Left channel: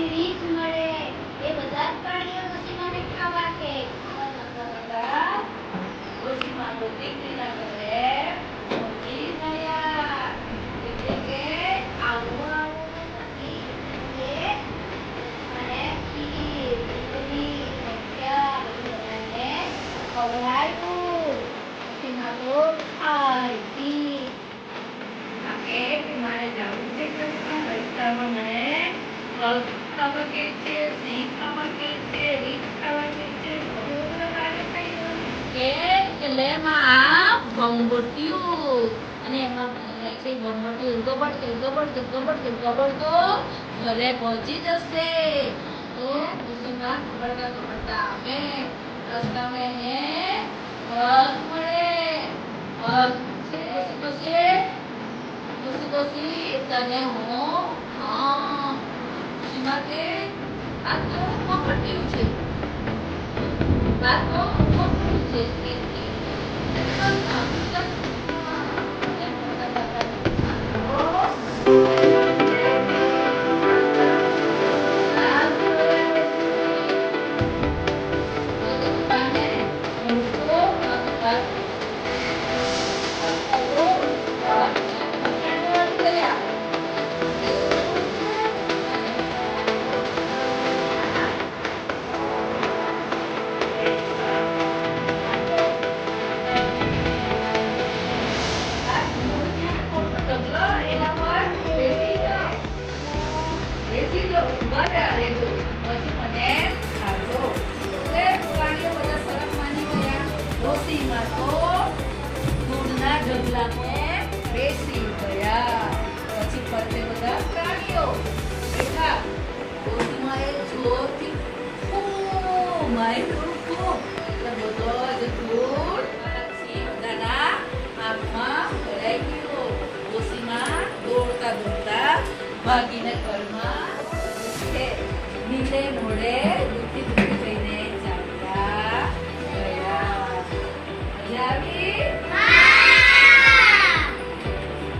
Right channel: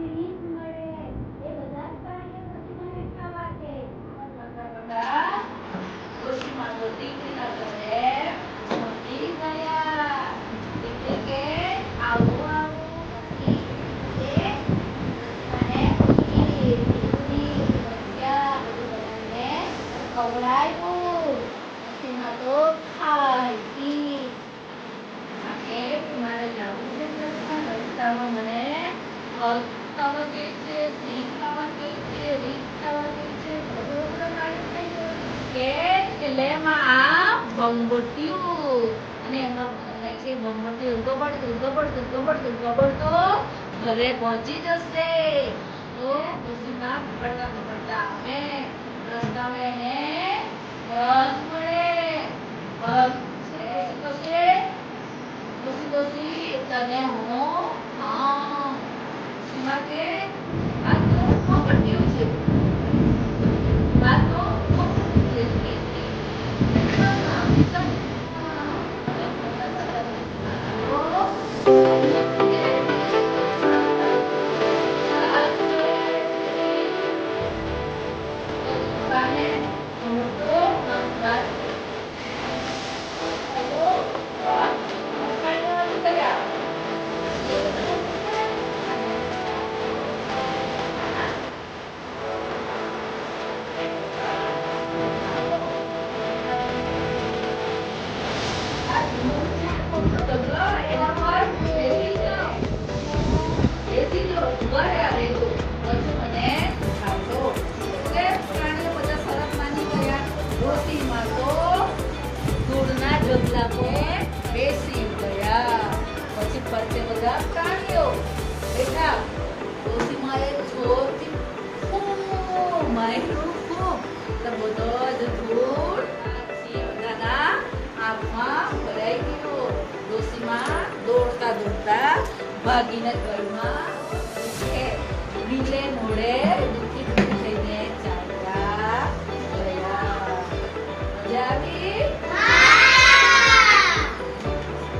Series મળે એ બધા જ પ્રાણીઓ ડોશીમાને ખાવા કે ડોશીમાનો દીકરીના ઘરે મોટી ગયા એટલે કે આવું આવું નથી એટલે મને ખીર પૂરી મરચા બધું બધાને ખવડાવ્યું ડોશીમા તો ખાઈ પી કે મારે જવું છે રસ્તામાં મને કે છે બધું બધું કાર્ય થઈ ગયું કે કે લે માં આ ભંગોટ્યું અને એમાં લખી ભંગોટ્યું ગબડ ગબડ ગબડ ગબડ તો ઘરે પહોંચી જશે તો ખુશીમાં ગબડતા ગબડતા આવે રસ્તામાં એને પગ મળે પગ છે પછી પછી પછી તને હું હા સાથે વાતનું પકડ્યું છે. વાતનો પકડ્યું છે. Thank you. બેસી ગયા પછી ફરતે બધા પ્રાણીઓ બેઠા. ભાગીનગરમાં છે નીલે નોડે